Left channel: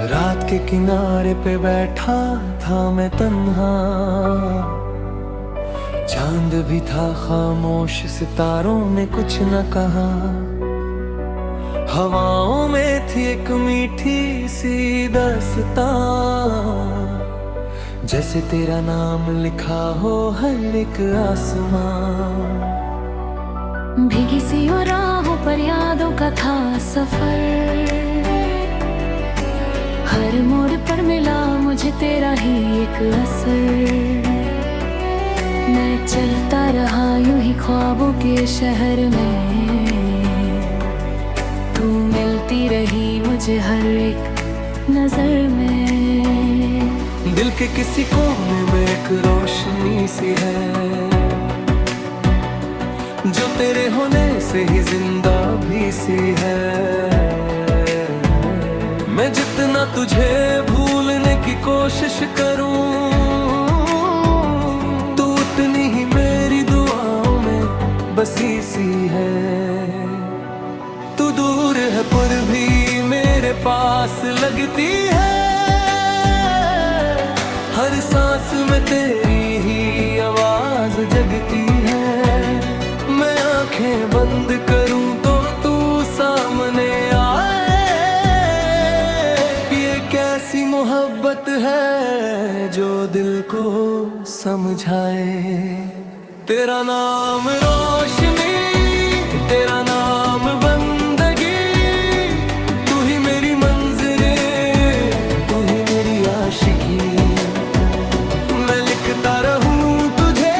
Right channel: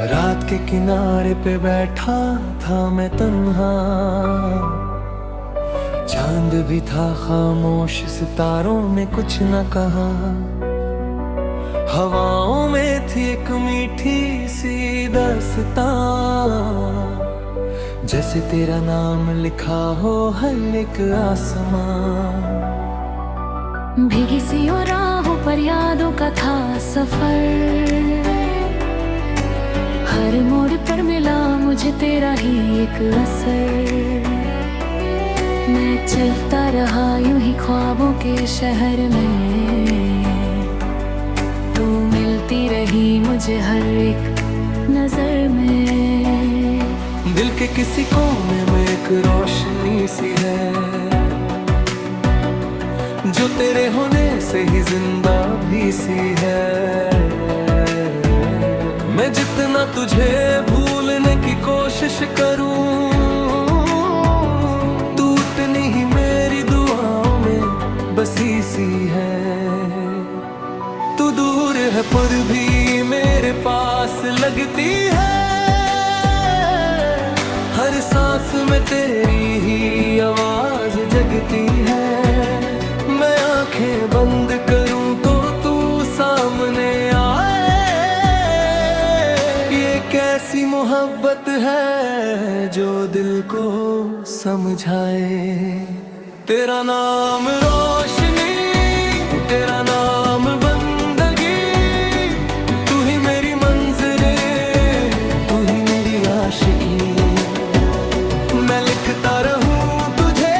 रात के किनारे पे बैठा था मैं तन्हा, चांद भी था खामोश, सितारों ने कुछ न कहा। हवाओं में थी एक मीठी सी दास्तां, जैसे तेरा नाम लिखा हो हर एक आसमां। भीगी सी और राहों पर यादों का था सफर, हर मोड़ पर मिला मुझे तेरा ही एक असर। मैं चलता रहा यूं ही ख्वाबों के शहर में, तू मिलती रही मुझे हर एक नजर में। दिल के किसी कोने में एक रोशनी सी है, जो तेरे होने से ही जिंदा भी सी है। मैं जितना तुझे भूलने की कोशिश करूं, तू उतनी ही मेरी दुआओं में बसी सी है। तू दूर है पर भी मेरे पास लगती है, हर सांस में तेरी ही आवाज जगती है। मैं आंखें बंद करूं तो तू सामने आए, ये कैसी मोहब्बत है जो दिल को समझाए। तेरा नाम रोशनी, तेरा नाम बंदगी, तू ही मेरी मंज़िल, तू ही मेरी आशिकी। मैं लिखता रहूं तुझे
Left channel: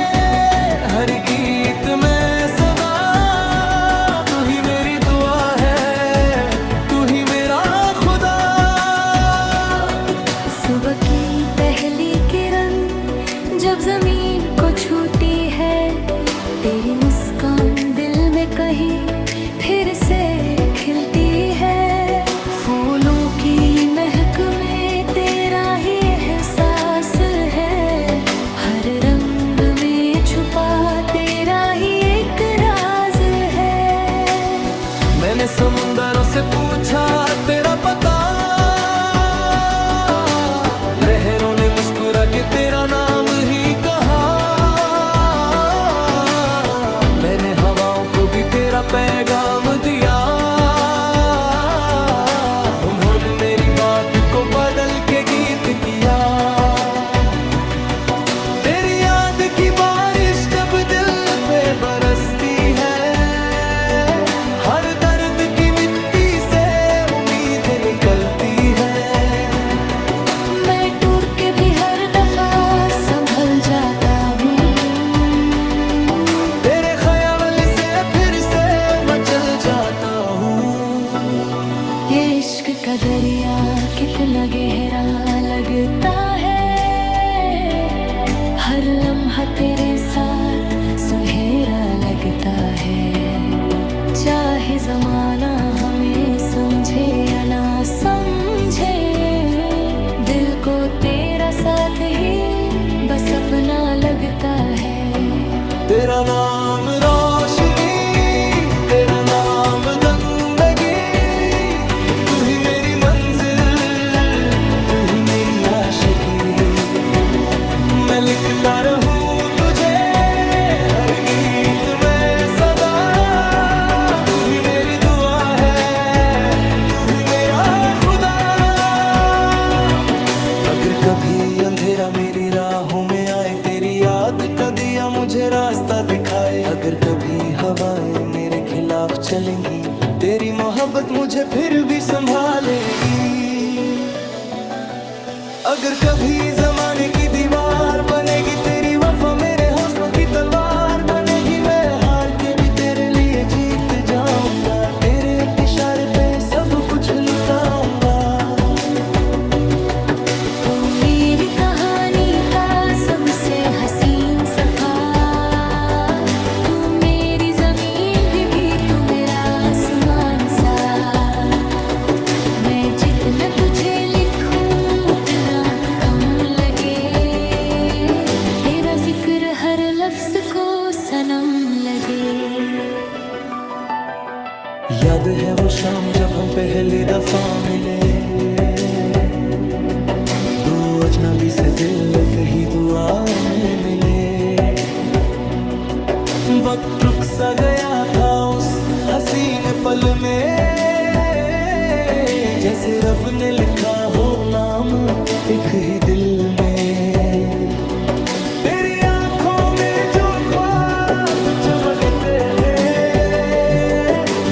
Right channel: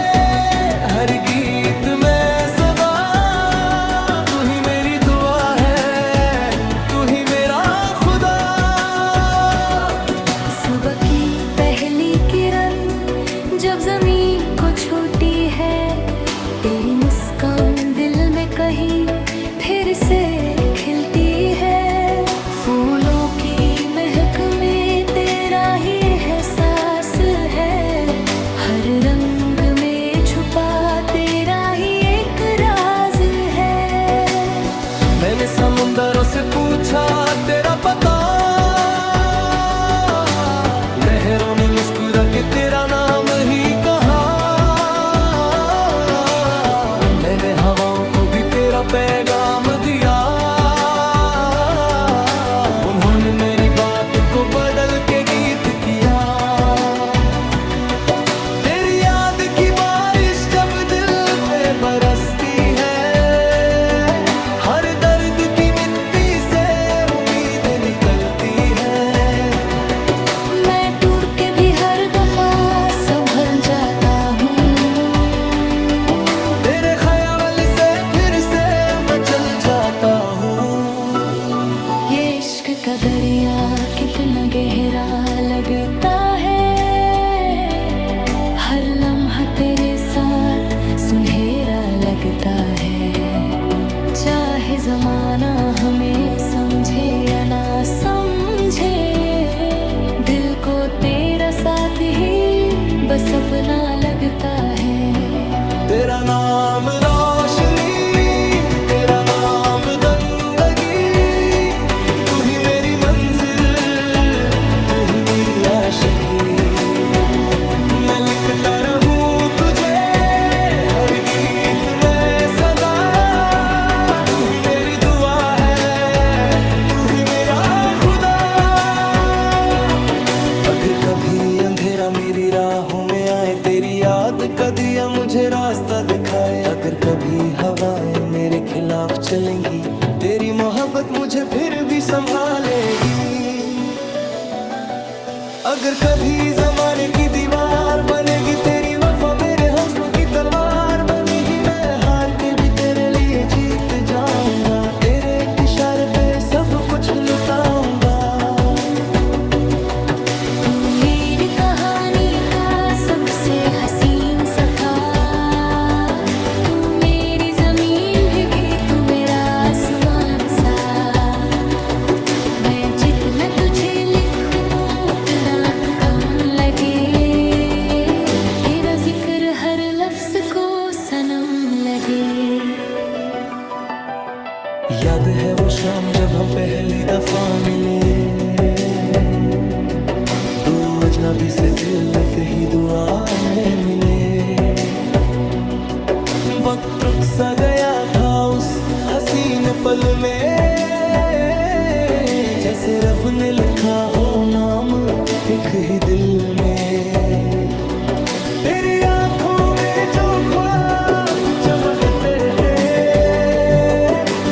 हर गीत में सदा, तू ही मेरी दुआ है, तू ही मेरा खुदा। सुबह की पहली किरण जब जमीन को छूती है, तेरी मुस्कान दिल में कहीं फिर से खिलती है। फूलों की महक में तेरा ही एहसास है, हर रंग में छुपा तेरा ही एक राज है। मैंने समुंदरों से पूछा तेरा पता, लहरों ने मुस्कुरा के तेरा नाम ही कहा। मैंने हवाओं को भी तेरा पैगाम दिया, उन्होंने मेरी बात को बदल के गीत किया। तेरी याद की बारिश जब दिल पे बरसती है, हर दर्द की मिट्टी से उम्मीदें निकलती है। मैं टूट के भी हर दफा संभल जाता हूँ, तेरे ख्याल से फिर से मचल जाता हूँ। ये इश्क का दरिया कितना गहरा लगता है, हर लम्हा तेरे साथ सुनहरा लगता है। चाहे जमाना हमें समझे या ना समझे, दिल को तेरा साथ ही बस अपना लगता है। तेरा नाम रोशनी, तेरा नाम बंदगी, तू ही मेरी मंजिल, तू ही मेरी आशिकी। मैं लिखता रहूं तुझे हर गीत में सदा, तू ही मेरी दुआ है, तू ही मेरा खुदा। अगर कभी अंधेरा मेरी राहों में आए, तेरी याद का दिया मुझे रास्ता दिखाए। अगर कभी हवाएं मेरे खिलाफ चलेंगी, तेरी मोहब्बत मुझे फिर भी संभालेगी। अगर कभी जमाने की दीवार बनेगी, तेरी वफा मेरे हौसलों की तलवार बनेगी। मैं हार के भी तेरे लिए जीत जाऊंगा, तेरे एक इशारे पे सब कुछ लुटाऊंगा। तू मेरी कहानी का सबसे हसीन सफा, तू मेरी जमीन भी तू मेरा आसमान सा। मैं जितना तुझे लिखूं उतना कम लगे, तेरा जिक्र हर लफ्ज को सनम लगे। याद है वो शाम जब हम पहली दफा मिले, अजनबी से दिल एक ही दुआ में मिले। वक्त रुक सा गया था उस हसीन पल में, जैसे रब ने लिखा हो नाम एक ही दिल में। तेरी आंखों में जो ख्वाब चमकते थे,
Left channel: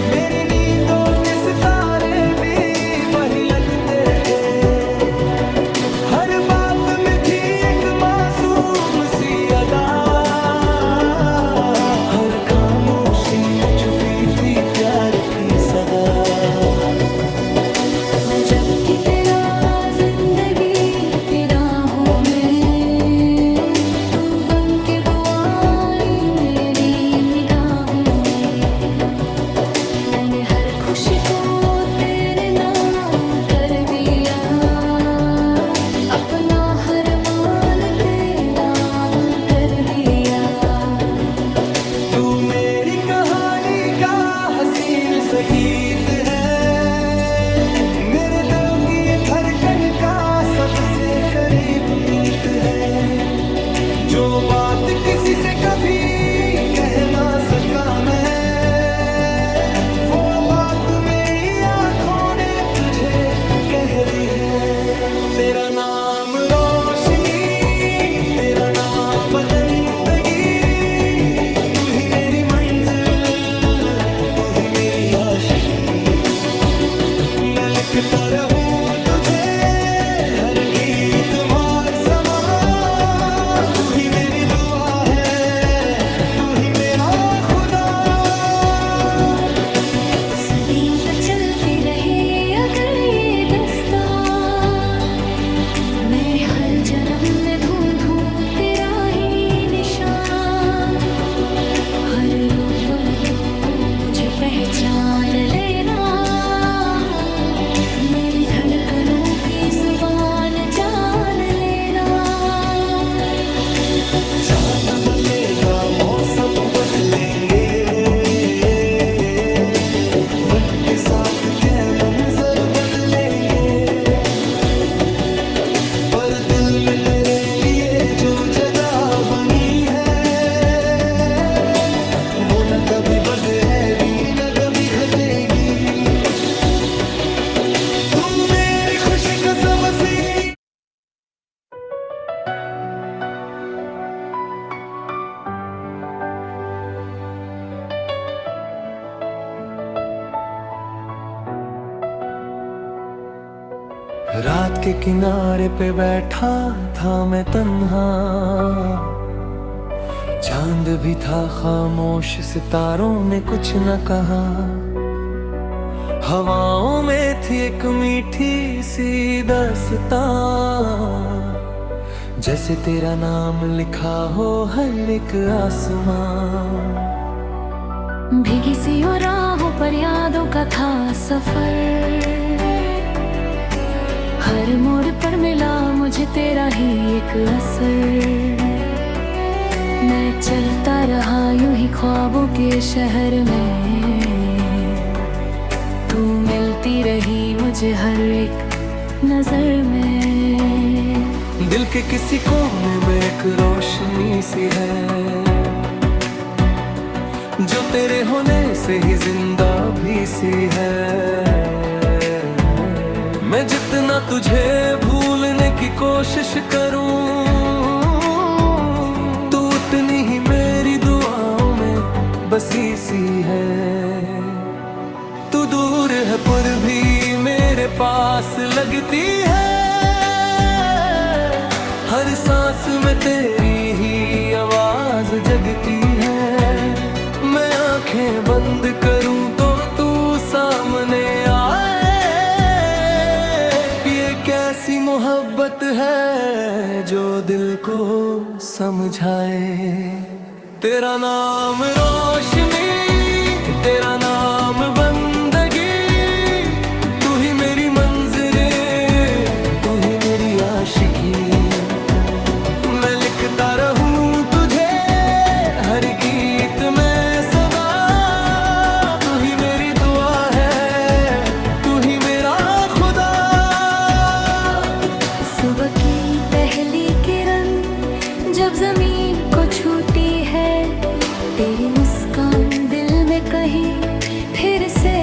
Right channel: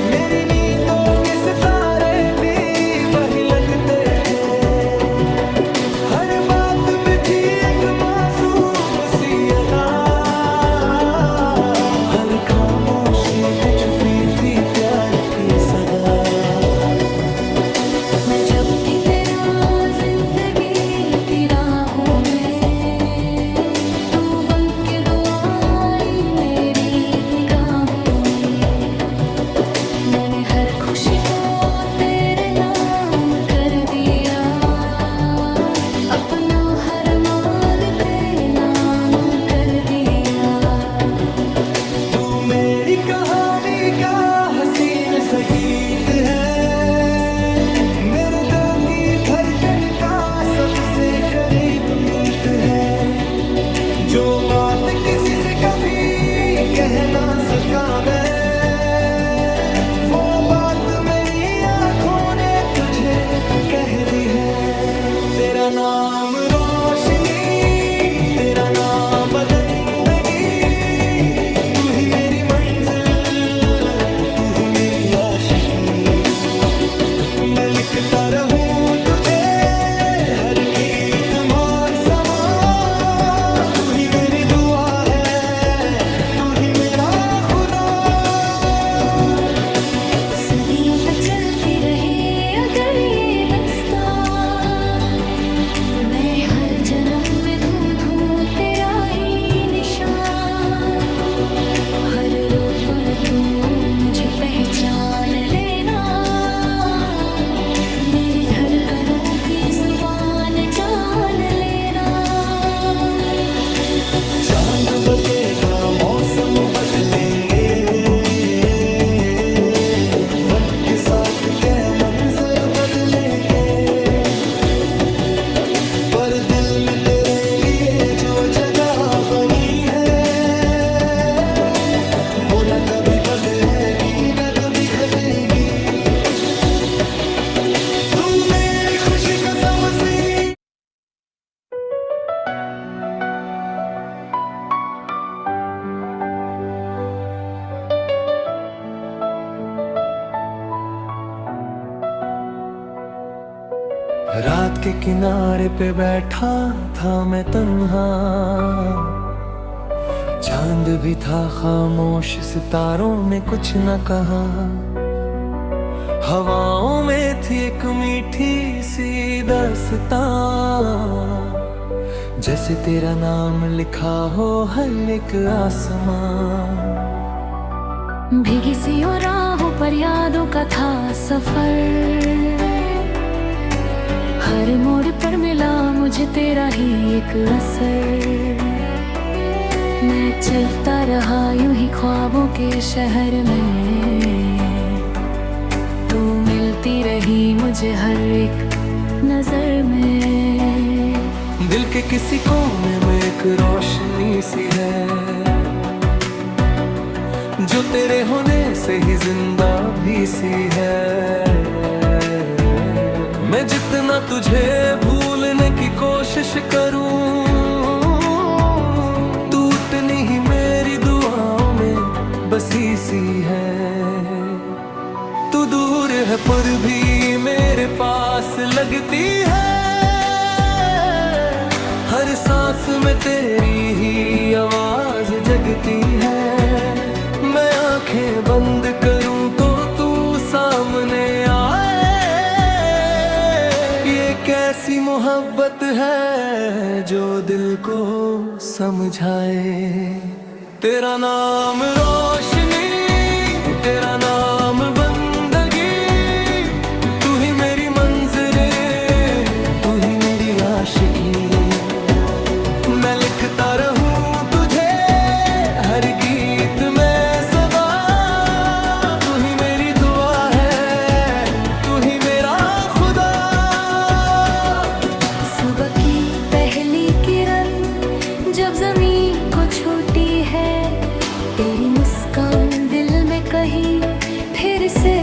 मेरी नींदों के सितारे भी वही लगते थे। हर बात में थी एक मासूम सी अदा, हर खामोशी में छुपी थी प्यार की सदा। मैं जब भी तेरा जिंदगी की राहों में, तू बन के दुआई मेरी निगाहों में। मैंने हर खुशी को तेरे नाम कर दिया, अपना हर मान तेरे नाम कर दिया। तू मेरी कहानी का हसीन सा गीत है, मेरे दिल की धड़कन का सबसे करीब मीत है। जो बात किसी से कभी कह ना सका मैं, वो बात मेरी आंखों ने तुझे कह दी है। तेरा नाम रोशनी, तेरा नाम बदंदगी, तू ही मेरी मंजिल, तू ही मेरी आशिकी। मैं लिखता रहूं तुझे हर गीत मार समा, तू ही मेरी दुआ है, तू ही मेरा खुदा। सदियों तक चलती रहे अगर ये दास्तां, मैं हर जन्म में ढूंढूं तेरा ही निशान। हर रूप में तू मुझे पहचान लेना, मेरी धड़कनों की जुबान जान लेना। चांद बदलेगा मौसम बदलेंगे, वक्त के साथ के मंजर बदलेंगे, पर दिल में तेरे लिए जो जगह बनी है, वो न कभी बदलेगी न कभी घटेगी। खुशी का सब सिंह। रात के किनारे पे बैठा था मैं तन्हा, चांद भी था खामोश, सितारों ने कुछ न कहा। हवाओं में थी एक मीठी सी दास्तां, जैसे तेरा नाम लिखा हो हर एक आसमां। भीगी सी और राहों पर यादों का था सफर, हर मोड़ पर मिला मुझे तेरा ही एक असर। मैं चलता रहा यूं ही ख्वाबों के शहर में, तू मिलती रही मुझे हर एक नजर में। दिल के किसी कोने में एक रोशनी सी है, जो तेरे होने से ही जिंदा भी सी है। मैं जितना तुझे भूलने की कोशिश करूं, तू उतनी ही मेरी दुआओं में बसी सी है। तू दूर है पर भी मेरे पास लगती है, हर सांस में तेरी ही आवाज जगती है। मैं आंखें बंद करूं तो तू सामने आए, ये कैसी मोहब्बत है जो दिल को समझाए। तेरा नाम रोशनी, तेरा नाम बंदगी, तू ही मेरी मंजिले, तू ही मेरी आशिकी। मैं लिखता रहूं तुझे हर गीत में सदा, तू ही मेरी दुआ है, तू ही मेरा खुदा। सुबह की है। तेरी मुस्कान दिल में कहीं फिर से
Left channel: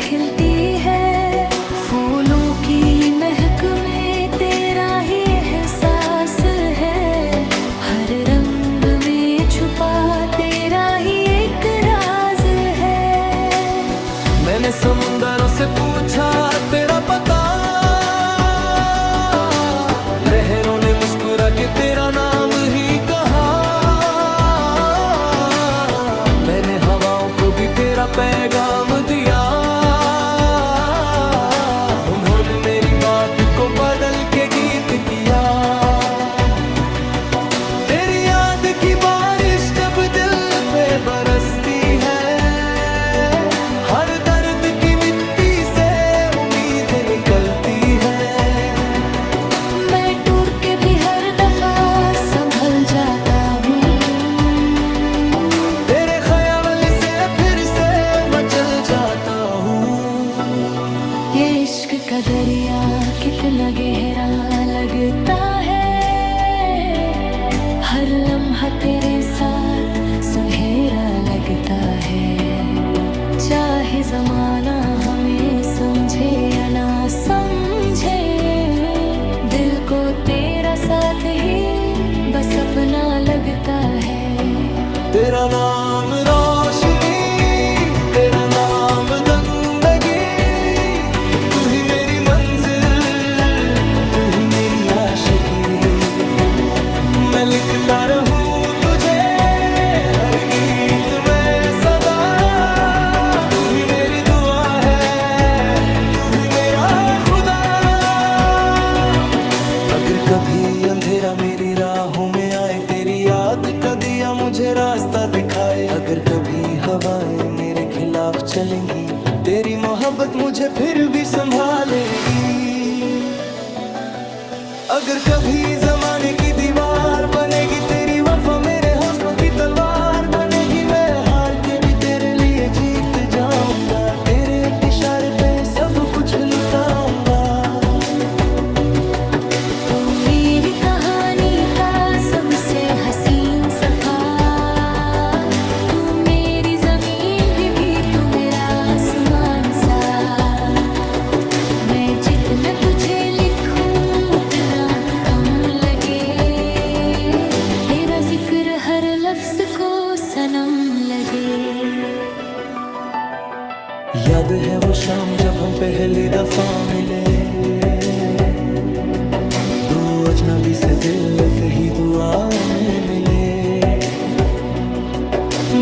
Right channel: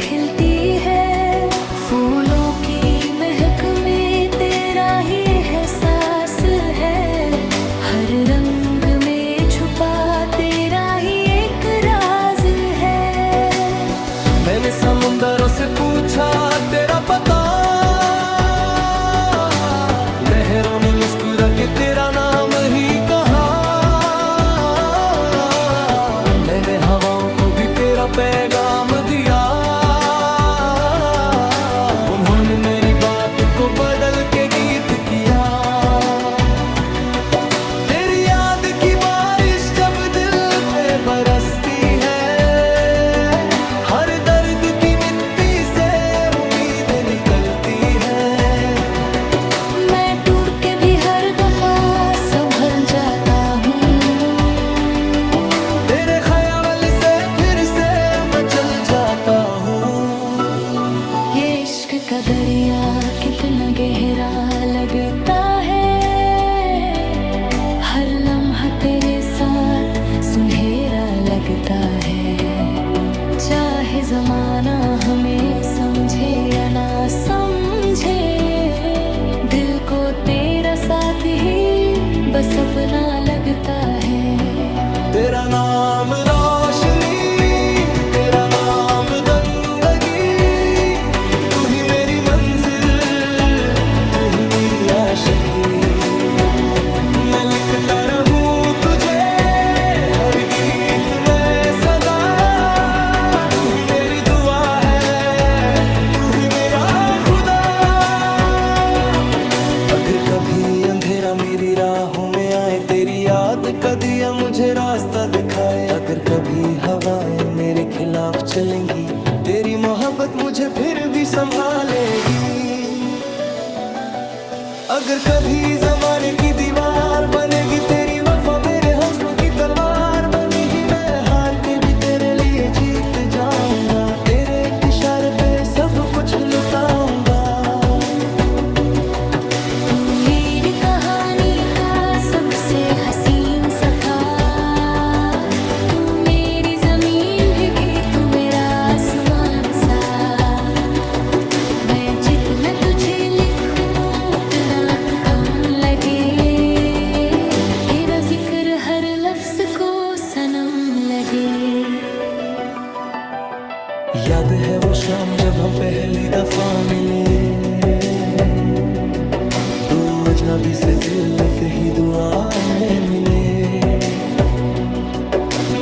खिलती है। फूलों की महक में तेरा ही एहसास है। हर रंग में छुपा तेरा ही एक राज है। मैंने समुंदरों से पूछा तेरा पता, लहरों ने मुस्कुरा के तेरा नाम ही कहा। मैंने हवाओं को भी तेरा पैगाम दिया, उन्होंने मेरी बात को बदल के गीत किया। तेरी याद की बारिश जब दिल पे बरसती है, हर दर्द की मिट्टी से उम्मीद निकलती है। मैं टूट के भी हर दफा संभल जाता हूँ। तेरे ख्याल से फिर से मचल जाता हूँ। ये इश्क का दरिया कितना गहरा लगता है। हर लम्हा तेरे साथ सुनहरा लगता है। चाहे जमाना हमें समझे या ना समझे, दिल को तेरा साथ ही बस अपना लगता है। तेरा नाम रोशनी, तेरा नाम जिंदगी, तू ही मेरी मंजिल, तू ही मेरी आशिकी। मैं लिखता रहूं तुझे हर गीत में सदा, तू ही मेरी दुआ है, तू ही मेरा खुदा। अगर कभी अंधेरा मेरी राहों में आए, तेरी याद का दिया मुझे रास्ता दिखाए। अगर कभी हवाएं मेरे खिलाफ चलेंगी, तेरी मोहब्बत मुझे फिर भी संभालेगी। अगर कभी जमाने की दीवार बनेगी, तेरी वफा मेरे हौसलों की तलवार बनेगी। मैं हार के भी तेरे लिए जीत जाऊंगा, तेरे एक इशारे पे सब कुछ लुटाऊंगा। तू मेरी कहानी का सबसे हसीन सफर, तू मेरी जमीन भी तू मेरा आसमान सा। मैं जितना तुझे लिखूं उतना कम लगे, तेरा जिक्र हर लफ्ज को सनम लगे। याद है वो शाम जब हम पहली दफा मिले, दो अजनबी से दिल एक ही दुआ में मिले।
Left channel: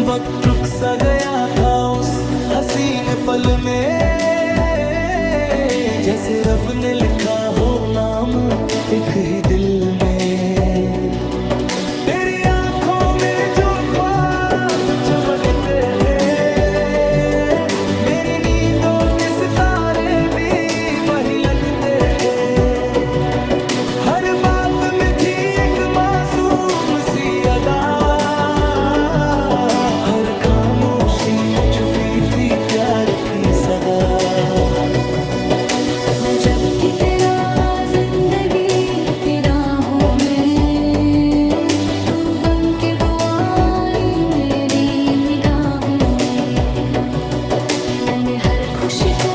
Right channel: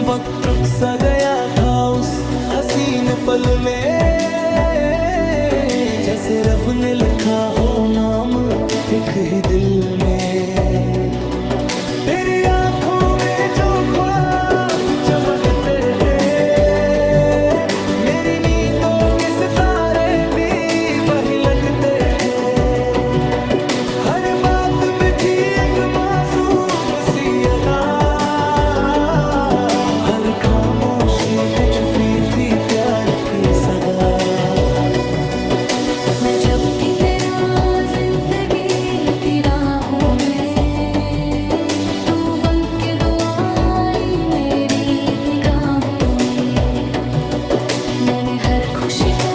वक्त रुक सा गया था उस हसीन पल में, जैसे रब ने लिखा हो नाम एक ही दिल में। तेरी आंखों में जो ख्वाब चमकते थे, मेरी नींदों के सितारे भी वही लगते थे। हर बात में थी एक मासूम सी अदा, हर खामोशी में छुपी थी प्यार की सदा। मैं जब भी तेरा जिंदगी की राहों में, तू बन के दुआई मेरी निगाहों में। मैंने हर खुशी को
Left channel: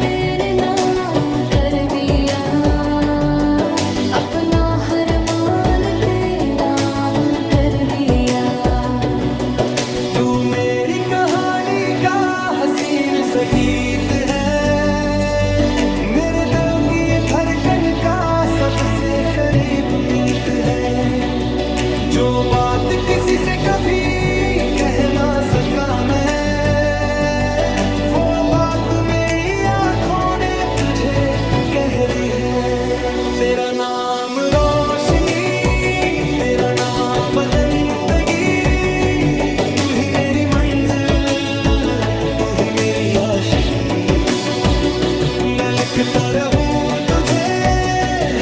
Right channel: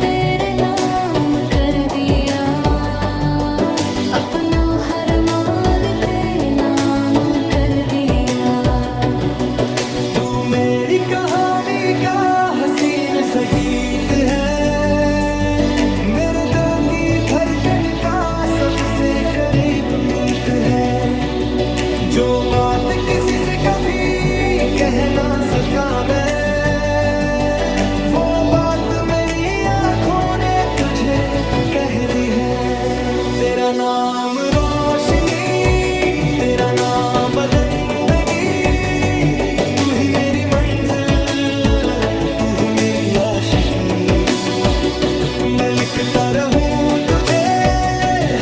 तेरे नाम कर दिया, अपना हर मान तेरे नाम कर दिया। तू मेरी कहानी का हसीन सा गीत है, मेरे दिल की धड़कन का सबसे करीब मीत है। जो बात किसी से कभी कह ना सका मैं, वो बात मेरी आंखों ने तुझे कह दी है। तेरा नाम रोशनी, तेरा नाम जिंदगी, तू ही मेरी मंजिल, तू ही मेरी आशिकी। मैं लिखता रहूं तुझे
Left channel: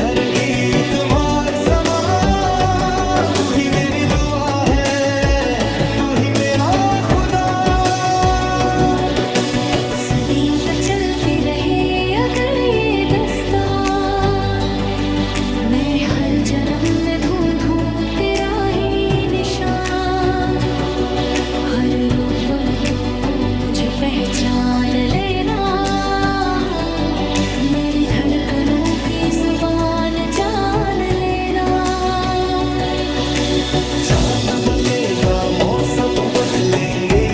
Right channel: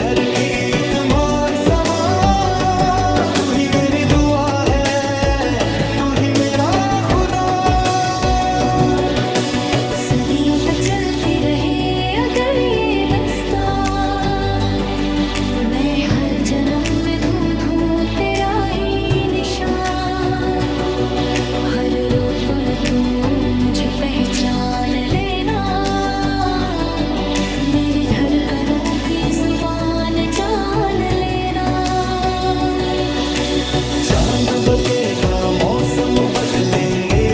हर गीत मार समा, तू ही मेरी दुआ है, तू ही मेरा खुदा। सदियों तक चलती रहे अगर ये दास्तां, मैं हर जन्म में ढूंढूं तेरा ही निशान। हर रूप में तू मुझे पहचान लेना, मेरी धड़कनों की जुबान जान लेना। चांद बदलेगा मौसम बदलेंगे,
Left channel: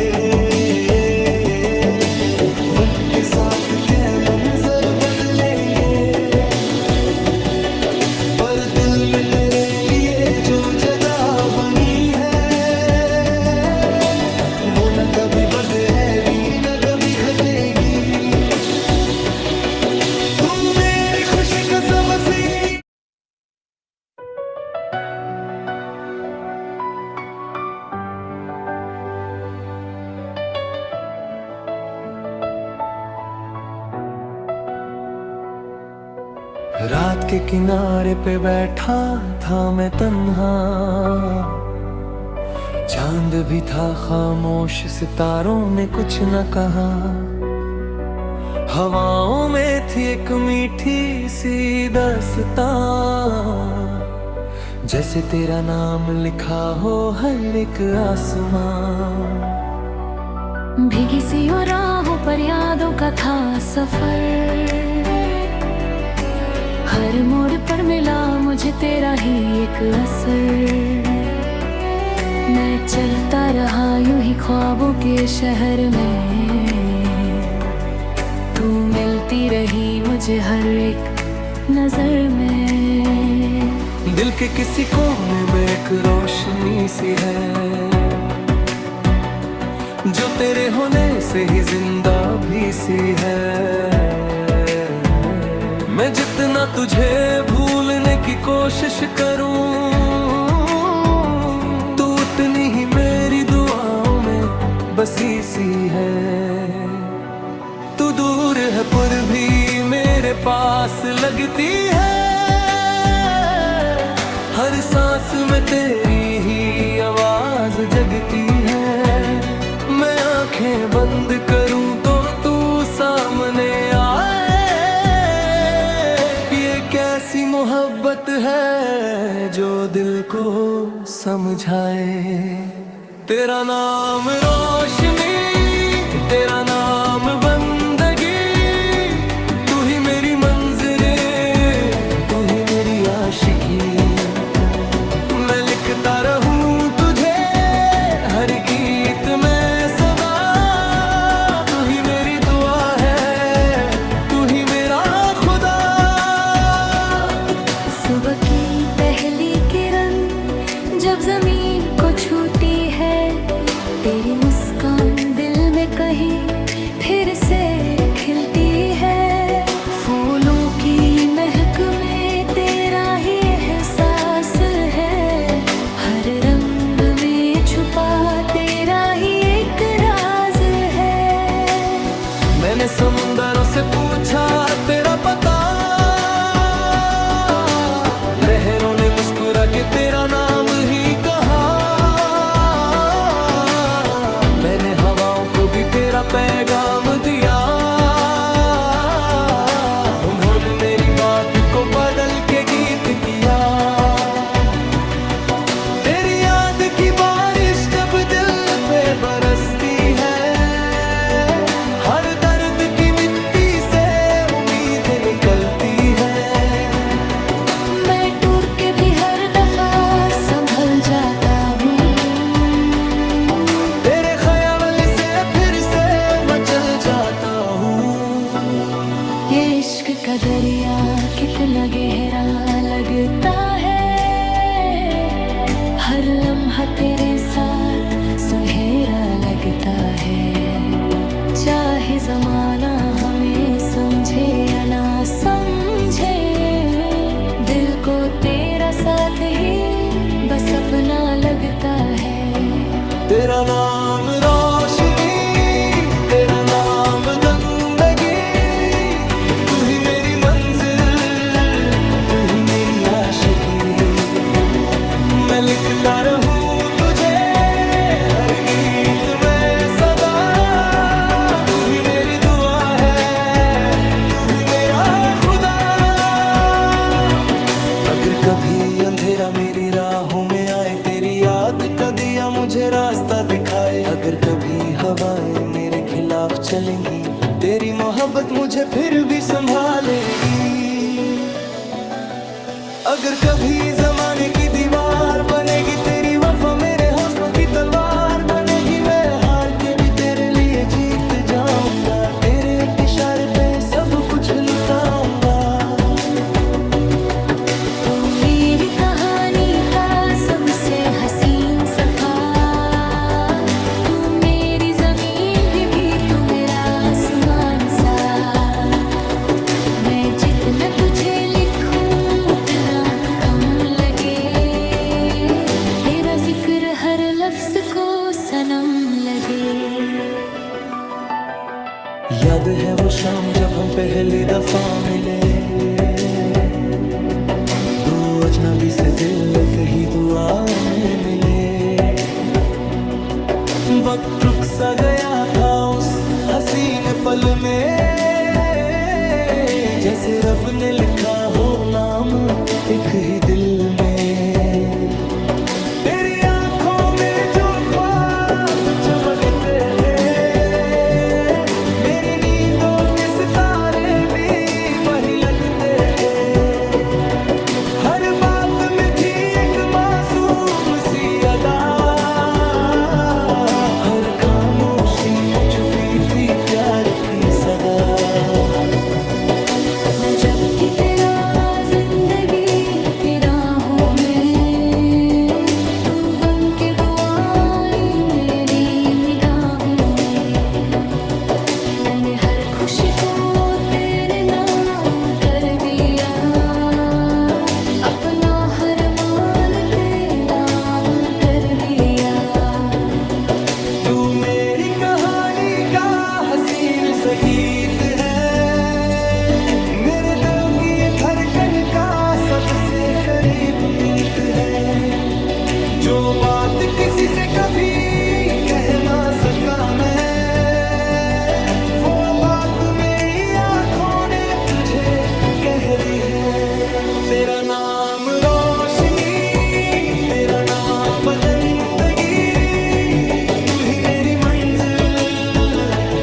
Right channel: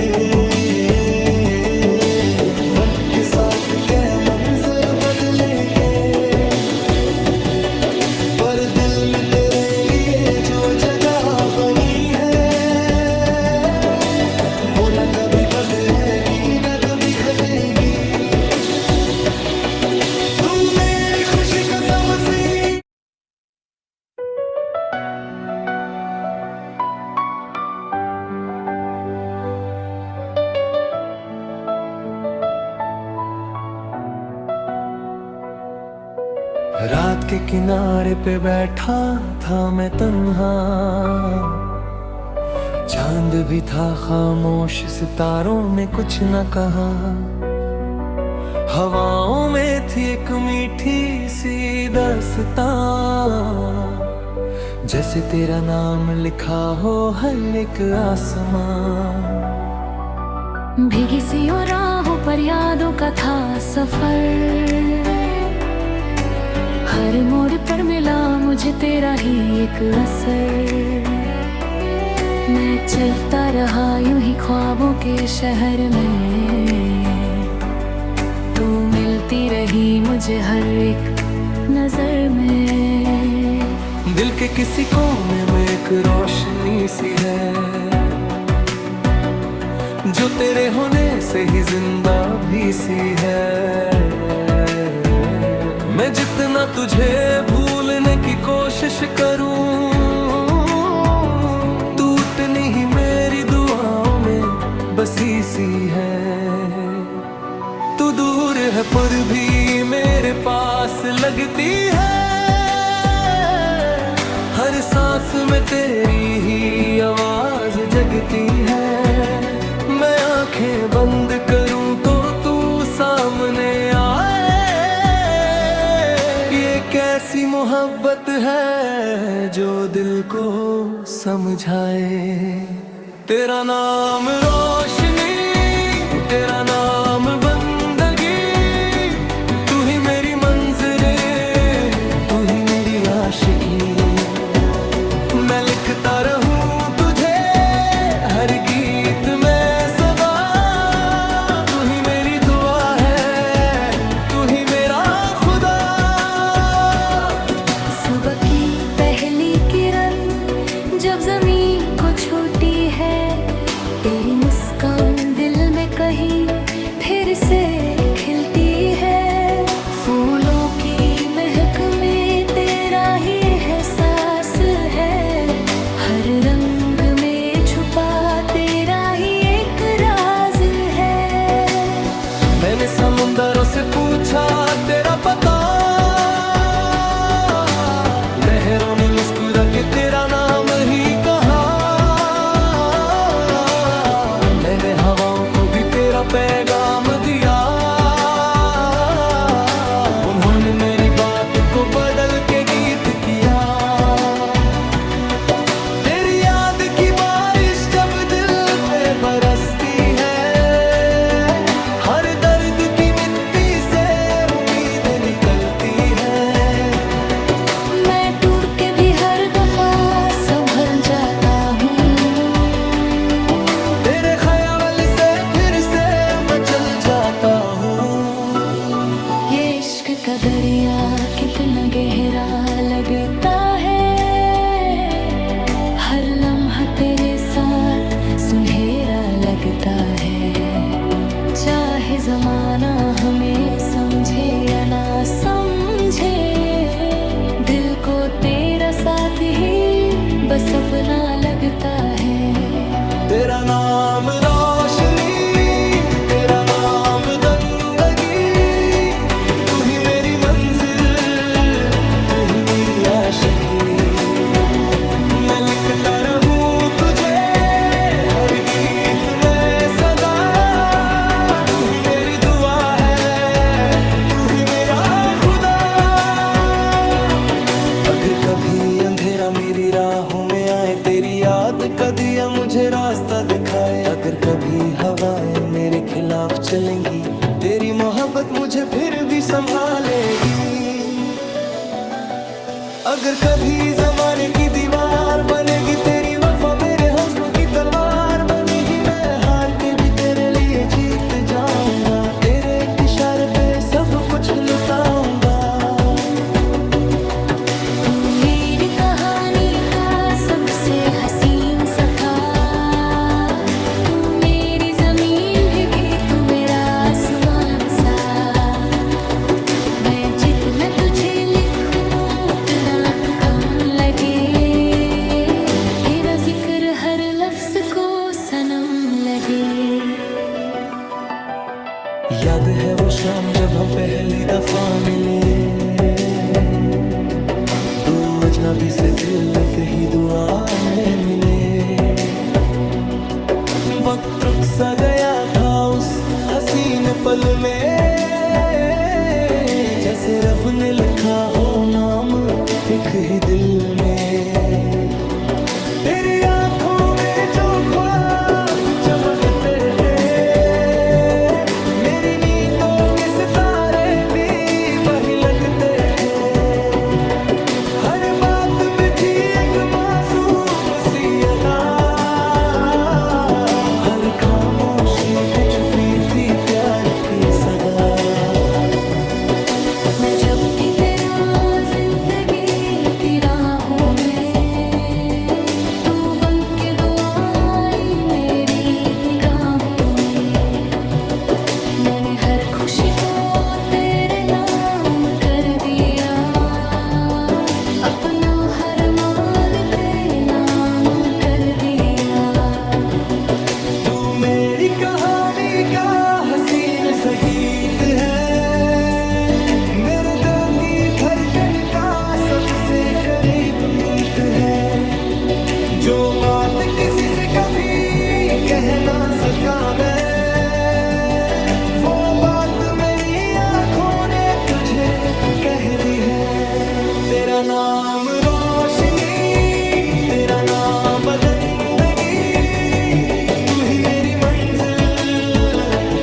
वक्त के साथ के मंजर बदलेंगे, पर दिल में तेरे लिए जो जगह बनी है वो न कभी बदलेगी न कभी घटेगी। तू मेरी खुशी का सब सिंह। रात के किनारे पे बैठा था मैं तन्हा, चांद भी था खामोश, सितारों ने कुछ न कहा। हवाओं में थी एक मीठी सी दास्तां, जैसे तेरा नाम लिखा हो हर एक आसमां। भीगी सी राहों पर यादों का था सफर, हर मोड़ पर मिला मुझे तेरा ही एक असर। मैं चलता रहा यूं ही ख्वाबों के शहर में, तू मिलती रही मुझे हर एक नजर में। दिल के किसी कोने में एक रोशनी सी है, जो तेरे होने से ही जिंदा भी सी है। मैं जितना तुझे भूलने की कोशिश करूं, तू उतनी ही मेरी दुआओं में बसी सी है। तू दूर है पर भी मेरे पास लगती है, हर सांस में तेरी ही आवाज जगती है। मैं आंखें बंद करूं तो तू सामने आए, कैसी मोहब्बत है जो दिल को समझाए। तेरा नाम रोशनी, तेरा नाम बंदगी, तू ही मेरी मंजिले, तू ही मेरी आशिकी। मैं लिखता रहूं तुझे हर गीत में सदा, तू ही मेरी दुआ है, तू ही मेरा खुदा। सुबह की पहली किरण जब जमीन को छूती है, तेरी मुस्कान दिल में कहीं फिर से खिलती है। फूलों की महक में तेरा ही एहसास है, हर रंग में छुपा तेरा ही एक राज है। मैंने समुंदरों से पूछा तेरा पता, लहरों ने मुस्कुरा के तेरा नाम ही कहा। मैंने हवाओं को भी तेरा पैगाम दिया, उन्होंने मेरी बात को बदल के गीत किया। तेरी याद की बारिश जब दिल पे बरसती है, हर दर्द की मिट्टी से उम्मीद निकलती है। संभल जाता हूँ, तेरे ख्याल से फिर से मचल जाता हूँ। ये इश्क का दरिया कितना गहरा लगता है, हर लम्हा तेरे साथ सुनहरा लगता है। चाहे जमाना हमें समझे या ना समझे, दिल को तेरा साथ ही बस अपना लगता है। तेरा नाम रोशनी, तेरा नाम बंदगी, तू ही मेरी मंजिल, तू ही मेरी आशिकी। मैं लिखता रहूं तुझे हर गीत में सदा, तू ही मेरी दुआ है, तू ही मेरा खुदा। अगर कभी अंधेरा मेरी राहों में आए, तेरी याद का दिया मुझे रास्ता दिखाए। अगर कभी हवाएं मेरे खिलाफ चलेंगी, तेरी मोहब्बत मुझे फिर भी संभालेगी। अगर कभी जमाने की दीवार बनेगी, तेरी वफा मेरे हौसलों की तलवार बनेगी। मैं हार के भी तेरे लिए जीत जाऊंगा, तेरे एक इशारे पे सब कुछ लुटाऊंगा। तू मेरी कहानी का सबसे हसीन सफा, तू मेरी जमीन भी तू मेरा आसमान सा। मैं जितना तुझे लिखूं उतना कम लगे, तेरा जिक्र हर लफ्ज को सनम लगे। याद है वो शाम जब हम पहली दफा मिले, दो अजनबी से दिल एक ही दुआ में मिले। वक्त रुक सा गया था उस हसीन पल में, जैसे रब ने लिखा हो नाम एक ही दिल में। तेरी आंखों में जो ख्वाब चमकते थे, मेरी नींदों के सितारे भी वही लगते थे। हर बात में थी एक मासूम सी अदा, हर खामोशी में छुपी थी प्यार की सदा। मैं जब भी तेरा जिंदगी की राहों में, तू बन के दुआई मेरी निगाहों में। मैंने हर खुशी को तेरे नाम कर दिया, अपना हर मान तेरे नाम कर दिया। तू मेरी कहानी का हसीन सा गीत है, मेरे दिल की धड़कन का सबसे करीब मीत है। जो बात किसी से कभी कह ना सका मैं, वो बात मेरी आंखों ने तुझे कह दी है। तेरा नाम रोशनी, तेरा नाम बदंदगी, तू ही मेरी मंजिल,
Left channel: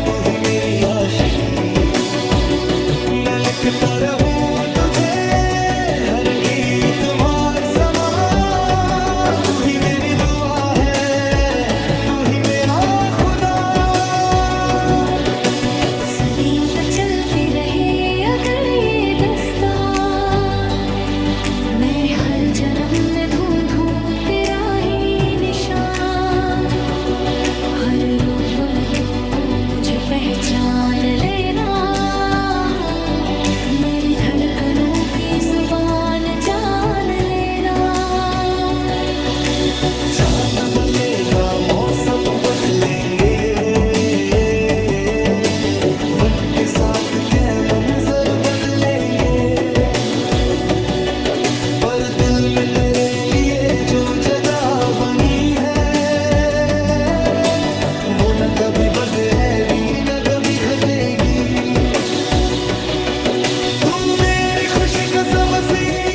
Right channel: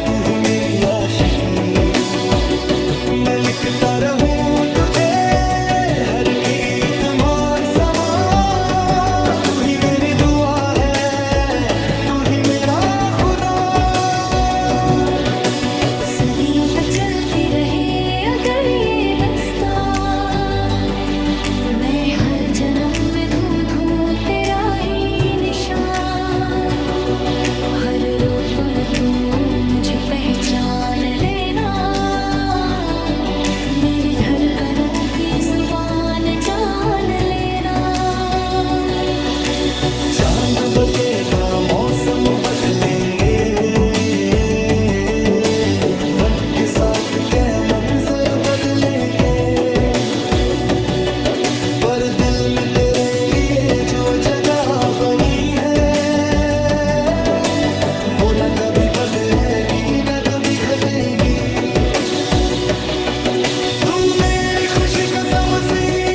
तू ही मेरी आशिकी। मैं लिखता रहूं तुझे हर गीत मार समा, तू ही मेरी दुआ है, तू ही मेरा खुदा। सदियों तक चलती रहे अगर ये दास्तां, मैं हर जन्म में ढूंढूं तेरा ही निशान। हर रूप में तू मुझे पहचान लेना, मेरी धड़कनों की जुबान जान लेना। चांद बदलेगा मौसम बदलेंगे, वक्त के साथ क्या मंजर बदलेंगे। पर दिल में तेरे लिए जो जगह बनी है, वो न कभी बदलेगी न कभी घटेगी। तू मेरी खुशी का सब सिंह